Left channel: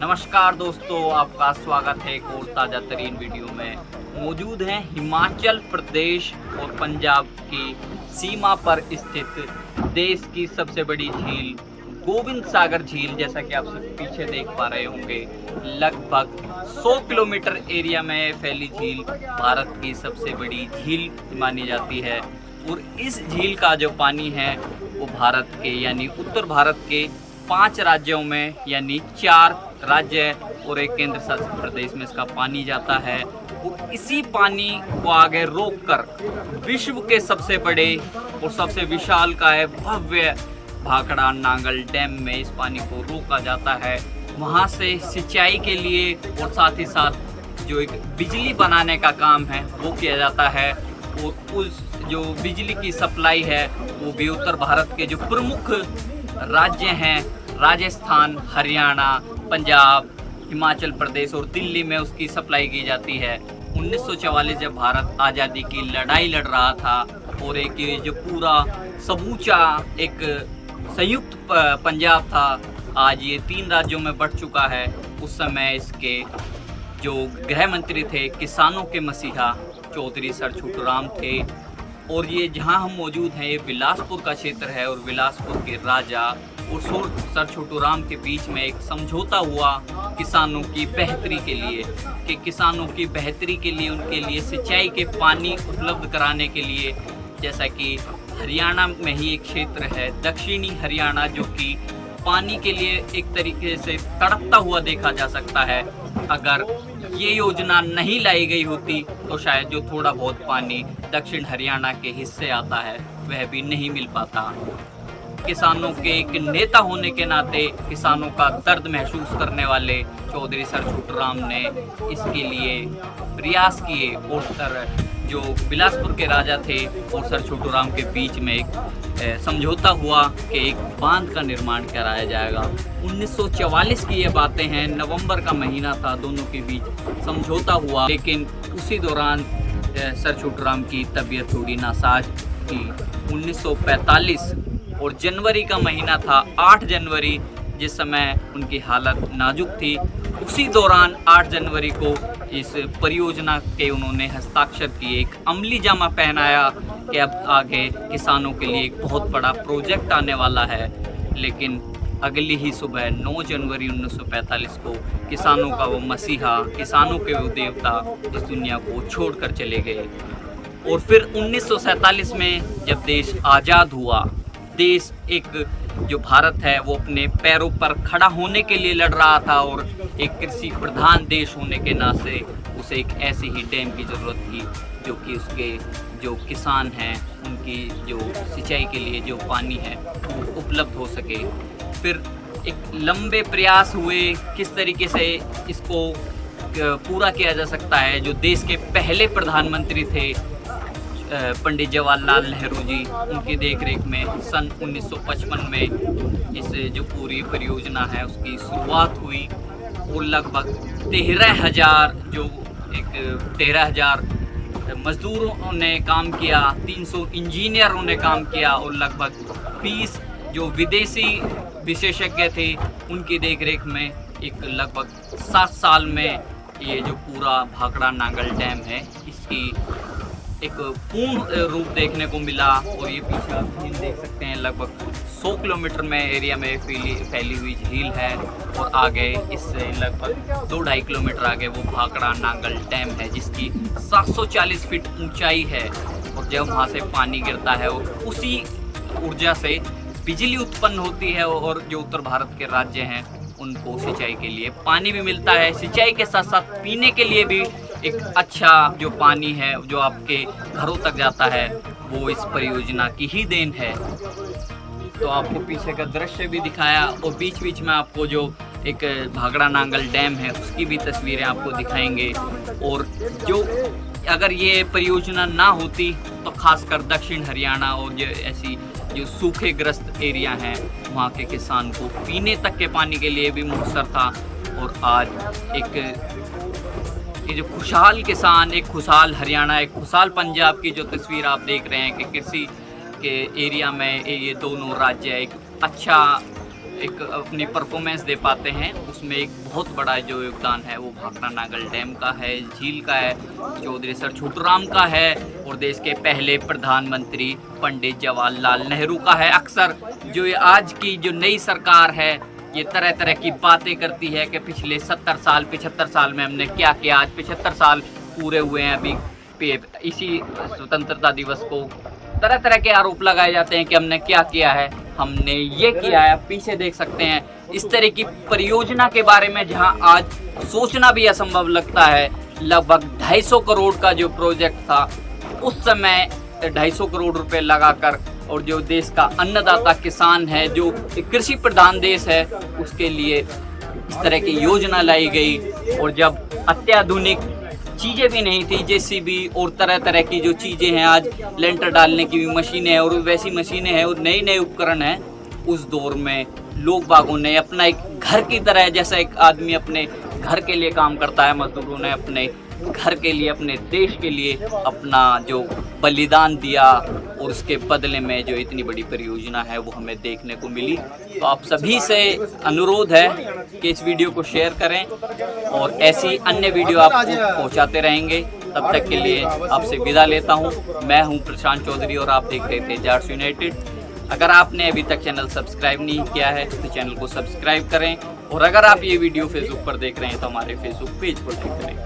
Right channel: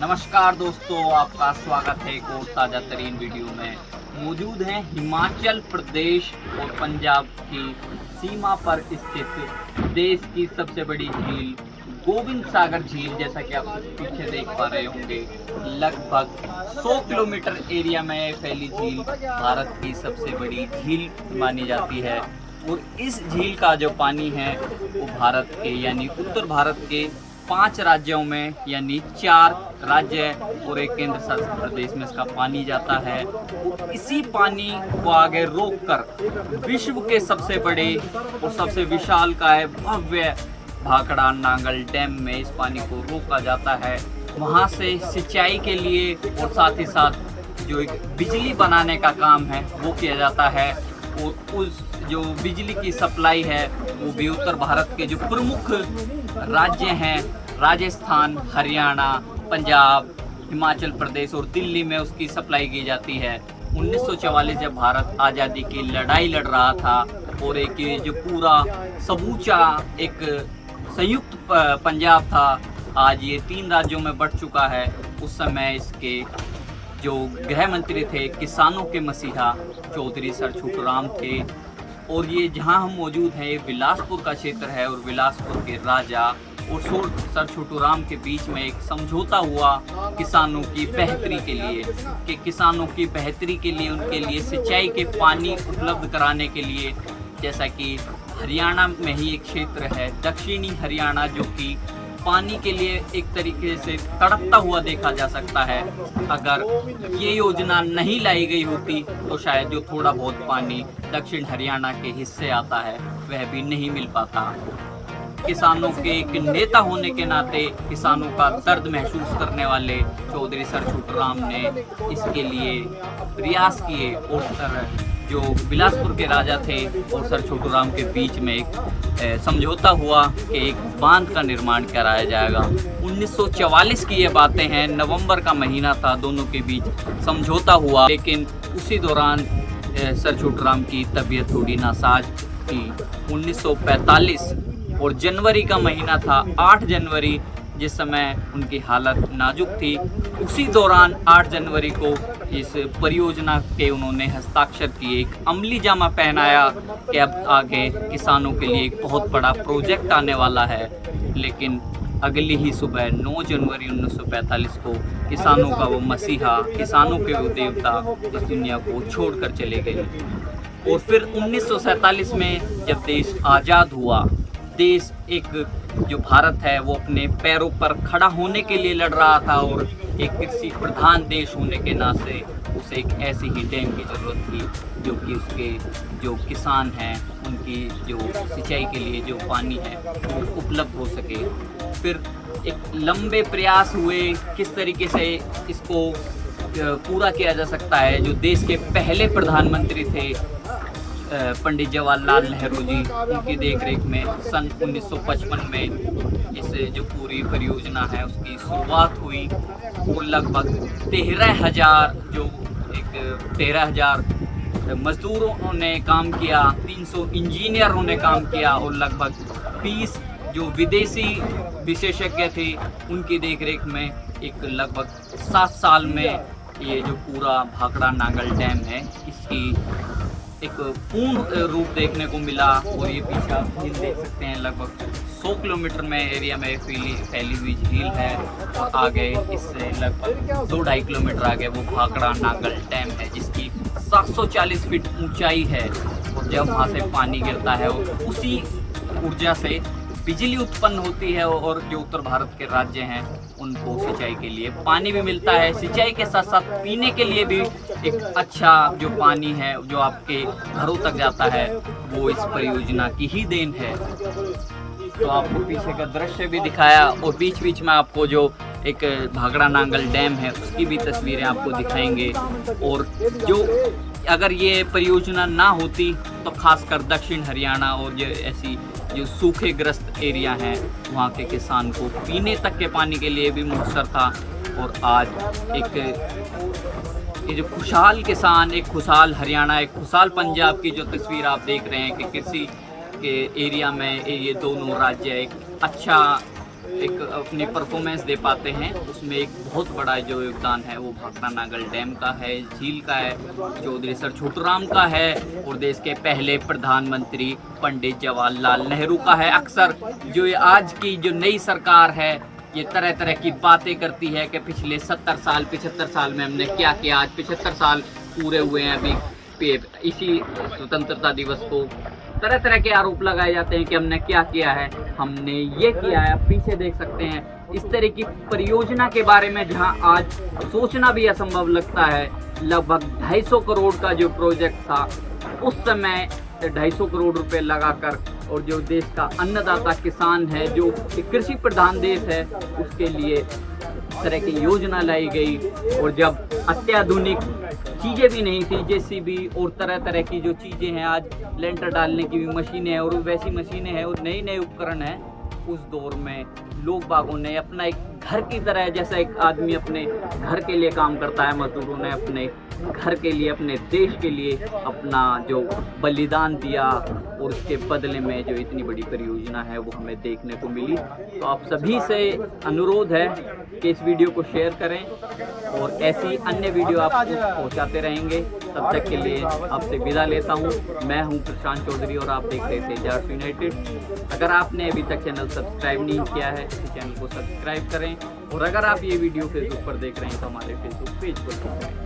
नमस्कार दोस्तों, आपका स्वागत है एक और ताज़ा तरीन वीडियो में। मौजूद हैं हिमाचल प्रदेश और पंजाब की सीमा पर स्थित देश की सबसे बड़ी झील गोविंद सागर झील। जैसा कि आप पीछे देख पा रहे होंगे, लगभग 100 किलोमीटर एरिया में फैली झील भारत की सबसे बड़ी झील मानी जाती है। और इस झील का जो पानी है वो भारत के यानी उत्तर भारत के 5 राज्यों में यानी 4 राज्य और एक केंद्र शासित प्रदेश में इसका पानी जाता है। और इसी पानी को आगे रोककर विश्व के सबसे बड़े और सबसे विशालकाय भव्य भाखड़ा नांगल डैम में इस पानी को रोका जाता है। वहाँ से सिंचाई के लिए और साथ ही साथ जो एक बिजली बनाने का काम है वो किया जाता है। और उस जो बिजली की सप्लाई है वो भी उत्तर भारत के जो प्रमुख राज्य हैं राजस्थान, हरियाणा, पंजाब, हिमाचल प्रदेश और दिल्ली में उसकी सप्लाई की जाती है। 1944 जब भारत आज़ादी की लड़ाई लड़ रहा था और एक ये जो पूरा समूचा एक संयुक्त पंजाब था, आज ये 3 राज्यों में बढ़ चुका है। उस समय इसके जो गृह मंत्री थे, किसानों के मसीहा चौधरी सर छोटू राम थे। और ये जहाँ हम मौजूद हैं ये बिलासपुर का क्षेत्र है। और बिलासपुर के राजा और सर छोटू राम के बीच में एक समझौता हुआ किसानों की बेहतरी के लिए, कि किसानों की बेहतरी के लिए उनके लिए सिंचाई के पानी उपलब्ध कराने के लिए। जैसा कि हरियाणा में ही एक क्षेत्र है दक्षिणी हरियाणा, जो कि पानी के लिए एक तरीके से तड़पता हुआ देखा जा सकता है। अगर ये योजना नहीं लाई गई होती तो शायद जो थोड़ा बहुत पानी दक्षिण हरियाणा के हिस्से आता है वह भी नहीं मिल पाता। किसानों के एक नेता होने के नाते किसानों का दर्द महसूस करने वाले चौधरी सर छोटू राम ने इसके लिए प्रयास किए। और सर जो बिलासपुर के राजा थे और सर छोटू राम के बीच में एक समझौता हुआ कि एक बांध का निर्माण कराया जाएगा। 1944 की ये बातें हैं, नवंबर का महीना था, दोनों के बीच समझौता हुआ। लेकिन उसी दौरान सर छोटू राम की तबीयत थोड़ी नासाज थी। 1945 और जनवरी का महीना था, 8 जनवरी, जिस समय उनकी हालत नाजुक थी। उसी दौरान 8 जनवरी को इस परियोजना के उन्होंने हस्ताक्षर किए, एक अमली जामा पहनाया कि अब आगे किसानों के लिए एक बहुत बड़ा प्रोजेक्ट आने वाला है। लेकिन अगली ही सुबह 9 जनवरी 1945 को किसानों का वो मसीहा, किसानों के वो देवता इस दुनिया को छोड़कर चले गए। और फिर 1947 में जब देश आज़ाद हुआ, देश एक जो भारत है वो अपने पैरों पर खड़ा होने के लिए लड़ रहा था। और एक कृषि प्रधान देश होने के नाते उसे एक ऐसी ही डैम की ज़रूरत थी जो कि उसके जो किसान हैं उनकी जो सिंचाई के लिए जो पानी है वो उपलब्ध हो सके। फिर एक लंबे प्रयास हुए किस तरीके से इसको पूरा किया जा सकता है। जो देश के पहले प्रधानमंत्री थे पंडित जवाहरलाल नेहरू जी, उनकी देखरेख में सन 1955 में इस जो पूरी परियोजना है उसकी शुरुआत हुई। और लगभग 13,000 मजदूरों ने काम किया, 300 इंजीनियरों ने काम किया और लगभग 20 जो विदेशी विशेषज्ञ थे उनकी देखरेख में एक लगभग 7 साल में ये जो पूरा भाखड़ा नांगल डैम है इसकी एक पूर्ण रूप देखने को मिला। और ये पीछे आप झील देख सकते हैं, लगभग 100 किलोमीटर में एरिया में फैली हुई झील है। और आगे इससे लगभग 2-2.5 किलोमीटर आगे वो भाखड़ा नांगल डैम है जिसकी 740 फीट ऊंचाई है। और जब वहाँ से पानी गिरता है उसी ऊर्जा से बिजली उत्पन्न होती है। और जो उत्तर भारत के राज्य हैं उनको सिंचाई के लिए पानी भी मिलता है। सिंचाई के साथ साथ पीने के लिए भी एक अच्छा जो पानी है जो आपके घरों तक जाता है वो इस परियोजना की ही देन है। तो आपको पीछे का दृश्य भी दिखाया और बीच बीच में आपको जो एक भाखड़ा नांगल डैम है उसकी भी तस्वीरें आपको दिखाएंगे। और जो अगर ये परियोजना ना होती तो खासकर दक्षिण हरियाणा और जो ऐसी जो सूखे ग्रस्त एरिया हैं वहाँ के किसान को पीने तक के पानी के लिए भी मुयस्सर था। और आज एक ये जो खुशहाल किसान, एक खुशहाल हरियाणा, एक खुशहाल पंजाब की जो तस्वीर आप देख रहे हैं कि कृषि के एरिया में ये दोनों राज्य एक अच्छा एक अपनी परफॉर्मेंस दे पाते हैं, उसमें एक बहुत बड़ा जो योगदान है वो भाखड़ा नागल डैम का है, झील का है, चौधरी सर छोटूराम का है और देश के पहले प्रधानमंत्री पंडित जवाहरलाल नेहरू का है। अक्सर जो ये आज की जो नई सरकार है ये तरह तरह की बातें करती है कि पिछले 70 साल 75 साल में हमने क्या किया, आज 75 साल पूरे हुए हैं अभी इसी स्वतंत्रता दिवस को। तरह तरह के आरोप लगाए जाते हैं कि हमने क्या किया है, हमने ये किया है। पीछे देख सकते हैं इस तरह की परियोजना के बारे में जहां आज सोचना भी असंभव लगता है। लगभग 250 करोड़ का जो प्रोजेक्ट था उस समय 250 करोड़ रुपए लगाकर, और जो देश का अन्नदाता किसान है, जो कृषि प्रधान देश है, उसके लिए इस तरह की योजना लाई गई। और जब अत्याधुनिक चीज़ें भी नहीं थी, जेसीबी और तरह तरह की जो चीज़ें हैं, आज लेंटर डालने की भी मशीनें हैं और वैसी मशीनें हैं और नए नए उपकरण हैं, उस दौर में लोग बागों ने अपना एक घर की तरह, जैसा एक आदमी अपने घर के लिए काम करता है, मजदूरों ने अपने घर के लिए, अपने देश के लिए अपना जो बलिदान दिया और उसके बदले में जो इतनी बड़ी परियोजना है वो हमें देखने को मिली। तो आप सभी से अनुरोध है कि इस वीडियो को शेयर करें और ऐसी अन्य वीडियो आपको पहुंचाते रहेंगे। तब तक के लिए आपसे विदा लेता हूं। मैं हूं प्रशांत चौधरी और आप देख रहे थे जाट्स यूनाइटेड। अगर आपने अभी तक चैनल सब्सक्राइब नहीं किया है तो चैनल को सब्सक्राइब करें, और अगर आप ये वीडियो फेसबुक पर देख रहे हैं तो हमारे फेसबुक पेज पर क्लिक करें।